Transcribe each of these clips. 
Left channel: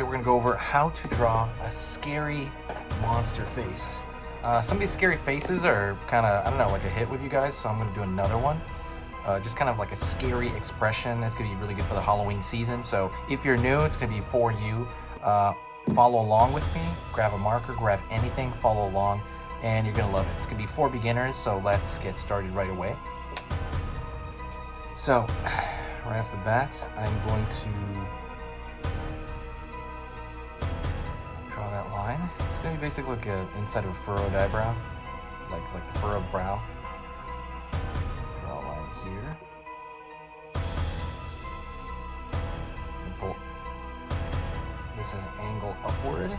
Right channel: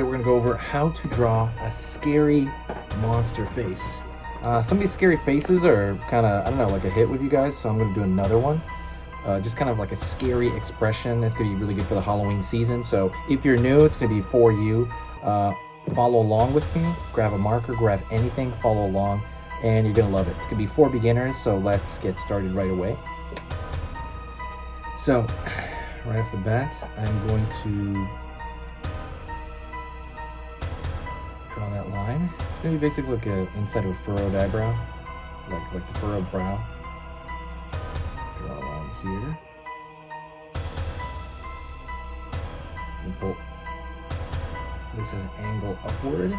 today we're gonna go over how to draw a scary monster face. Some of these scary faces are kind of, I don't know, like a hit with you guys, so I'm gonna do another one. Just kind of like a scary expression. It's gonna be really good for the Halloween season. So if you're new, it's gonna be for you. Follow along with me, grab a marker, grab anything, follow along, and you're gonna love it. It's gonna be for beginners, so let's get started right away. So, right off the bat, I'm going to draw that line. It's gonna be basically like inside of a furrowed eyebrow, like the furrowed brow. Draw a line here. And pull this at an angle upward.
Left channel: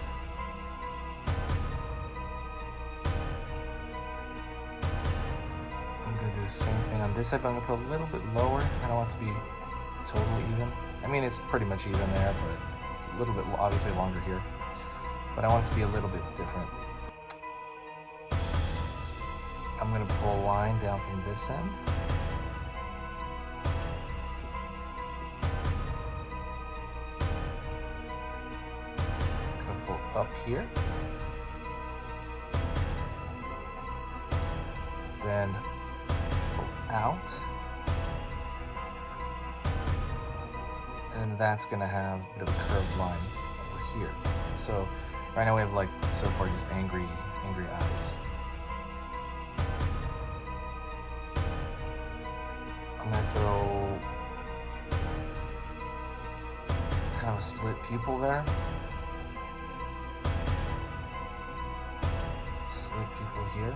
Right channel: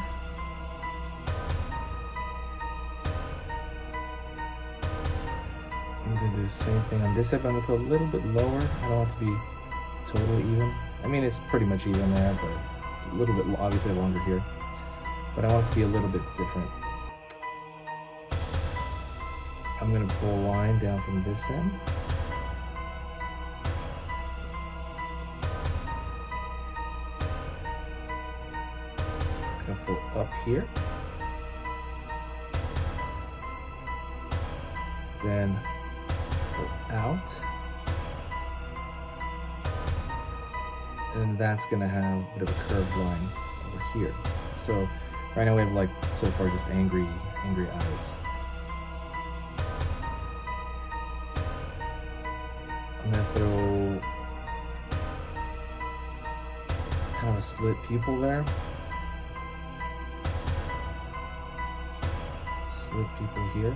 I'm gonna do the same thing on this side, but I'm gonna put a little bit lower. I don't want it to be totally even. I mean, it's pretty much even there, but it's a little bit obviously longer here. But I want it to be a little bit different. I'm gonna pull a line down from this end. It's gonna pull up here. Then pull out. And that's gonna have a bit of a curved line over here. So right now we have, like, so far just angry eyes. I'm gonna throw kind of a slit pupil there. Slit pupil here.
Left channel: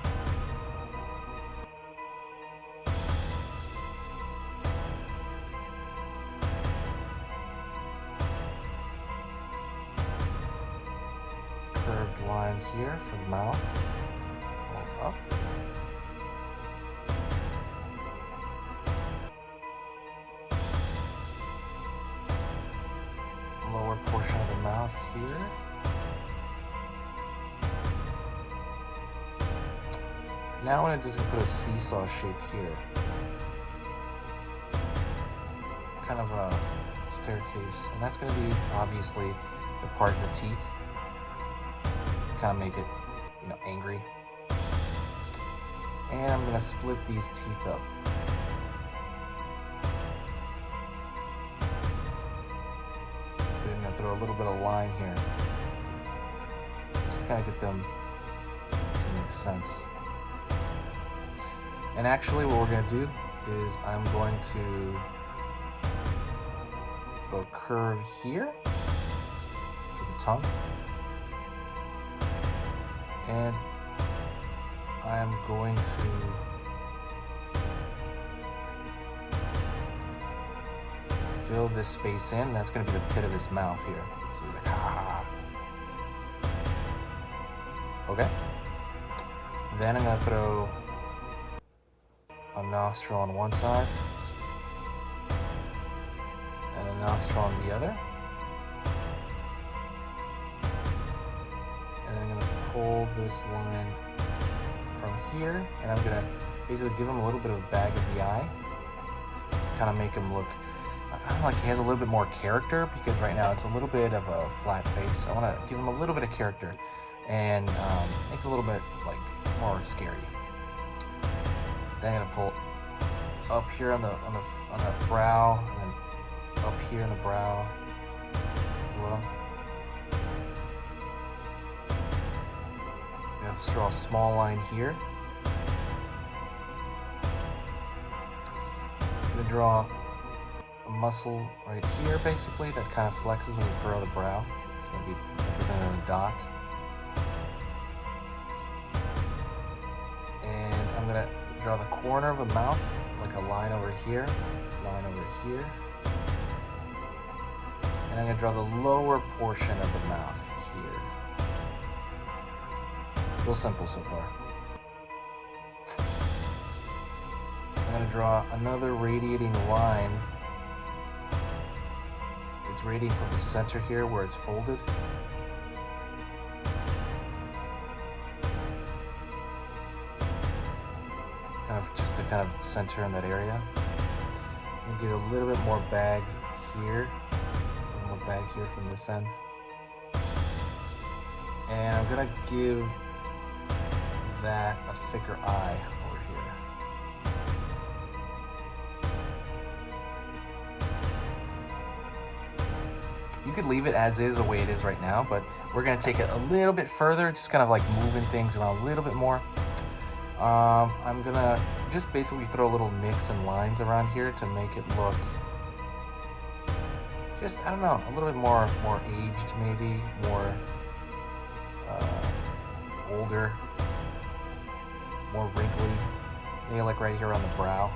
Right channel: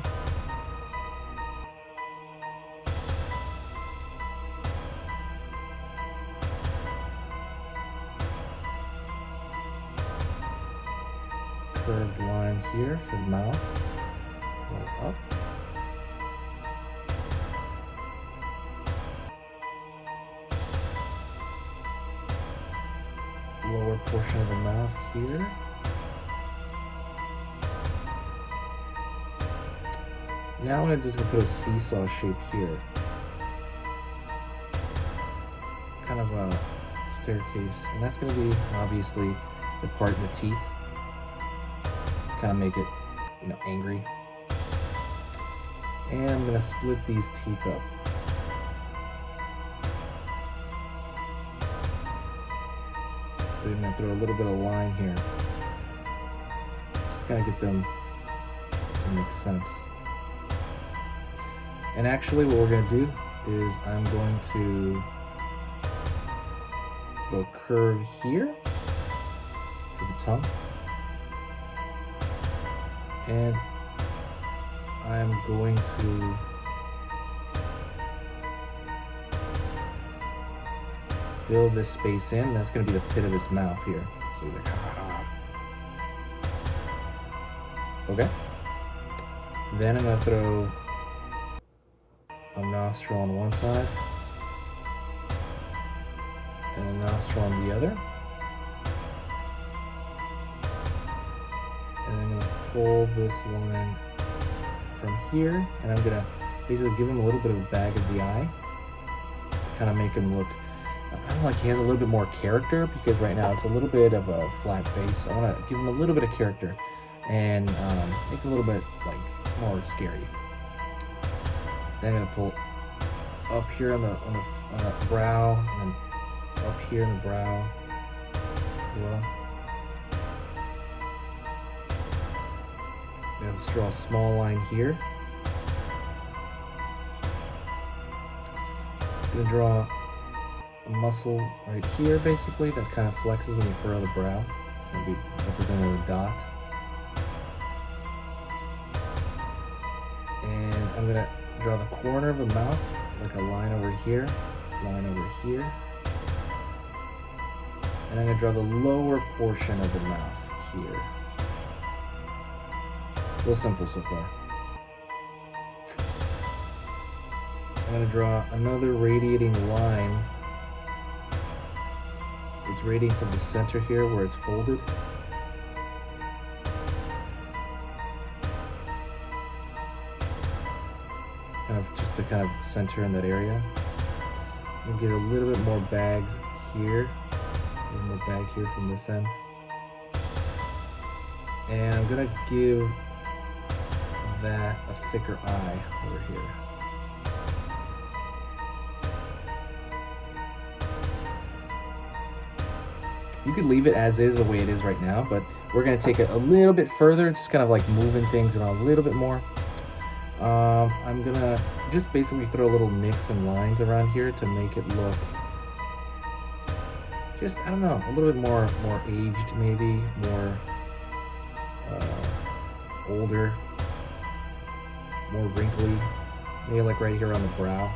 Curved line here for the mouth. Pull up. Lower portion of the mouth here. Now I'm just gonna put a seesaw shape here. Kind of a staircase, and that's gonna be obviously the part of the teeth. Kind of make it, you know, angry. And I'm gonna split these teeth up. So I'm gonna throw a little bit of line here, just to kind of get them to make sense. And actually what we're gonna do is I'm going to throw a curve here for the tongue. And I'm going to fill this space in. That's going to be the pit of his mouth here. So he's like, ah. Okay. Then I'm going to throw a nostril on one side and a nostril on the other. Pull this line from here, and I'm gonna basically give him a little bit of a bag of the eye to kind of make him look, I don't know, like he has a little bit more character, because right now it's a little bit of a flat face. I want to give him a little bit of character and make it a little bit like more scary. Then I'm gonna pull up here on the brow, and then up here in the brow as well. Let's draw a small line here. I'm gonna draw a muscle right here, basically, that kind of flexes when you furrow the brow. It's gonna be represented in a dot. And I'm gonna draw the corner of a mouth, like a line over here, line over here. And I'm gonna draw the lower portion of the mouth here. Real simple so far. I'm gonna draw another radiating line. It's radiating from the center here where it's folded. Kind of just to kind of center in that area. I'm gonna get a little bit more bags here. A little more bag here from this end. I'm gonna give that a thicker eye over here. You could leave it as is the way it is right now, but we're gonna take it a little bit further, just kind of like moving things around a little bit more. I'm gonna just basically throw a little nicks and lines around here to make it look just, I don't know, a little bit more aged, maybe more older, more wrinkly, maybe like right here on the brow.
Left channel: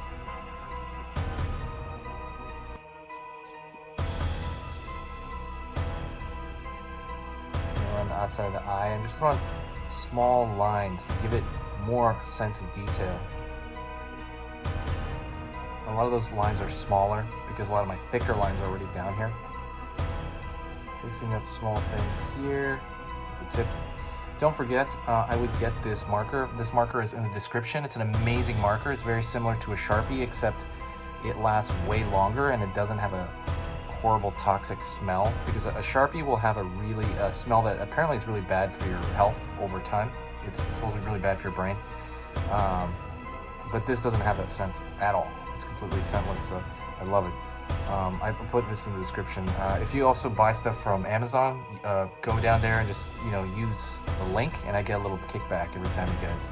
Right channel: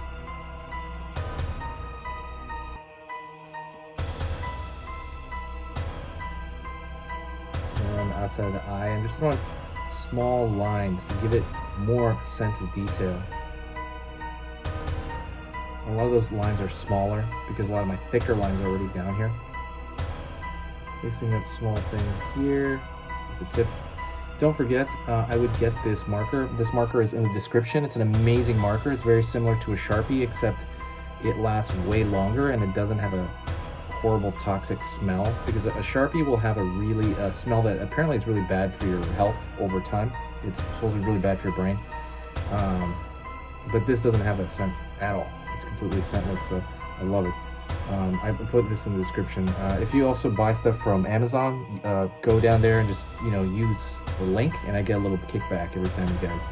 And around the outside of the eye, I'm just throwing small lines to give it more sense of detail. A lot of those lines are smaller because a lot of my thicker lines are already down here. Fixing up small things here with the tip. Don't forget, I would get this marker. This marker is in the description. It's an amazing marker. It's very similar to a Sharpie, except it lasts way longer and it doesn't have a horrible toxic smell, because a Sharpie will have a really smell that apparently is really bad for your health over time. It's supposed to be really bad for your brain. But this doesn't have that scent at all. It's completely scentless, so I love it. I put this in the description. If you also buy stuff from Amazon, go down there and just, use the link, and I get a little kickback every time you guys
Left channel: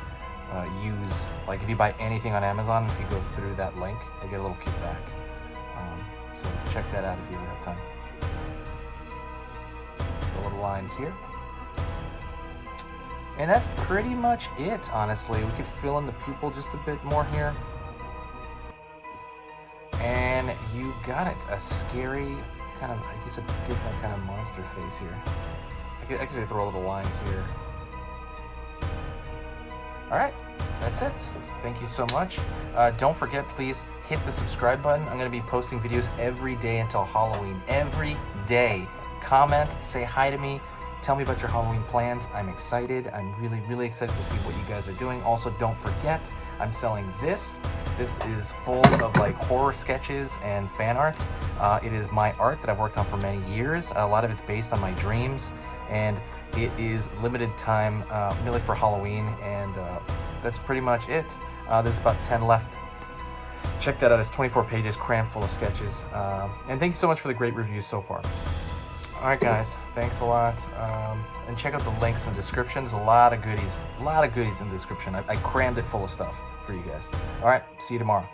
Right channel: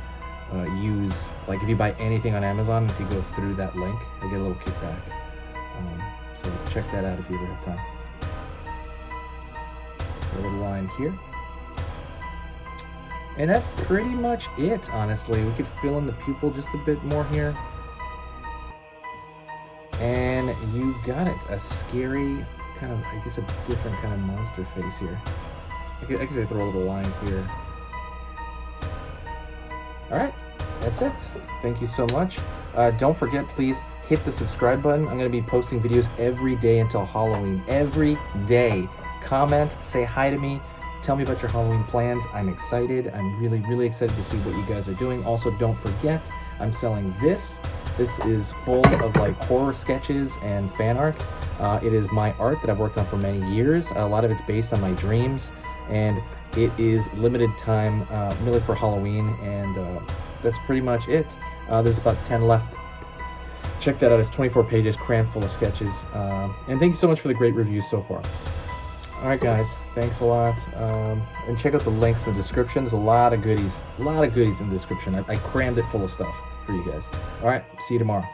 use, like if you buy anything on Amazon, if you go through that link, I get a little kickback. So check that out if you ever have time. Got a little line here. And that's pretty much it, honestly. We could fill in the pupil just a bit more here. And you got it. A scary, kind of, I guess a different kind of monster face here. I could throw a little line here. All right, that's it. Thank you so much. Don't forget, please hit the subscribe button. I'm going to be posting videos every day until Halloween. Every day. Comment, say hi to me. Tell me about your Halloween plans. I'm excited. I'm really, really excited to see what you guys are doing. Also, don't forget, I'm selling this. This is full of like horror sketches and fan art. It is my art that I've worked on for many years. A lot of it's based on my dreams, and it is limited time, merely for Halloween, and that's pretty much it. There's about 10 left. Check that out. It's 24 pages, crammed full of sketches. And thank you so much for the great reviews so far. All right, guys, thanks a lot. And check out the links in the description. There's a lot of goodies in the description. I crammed it full of stuff for you guys. All right, see you tomorrow.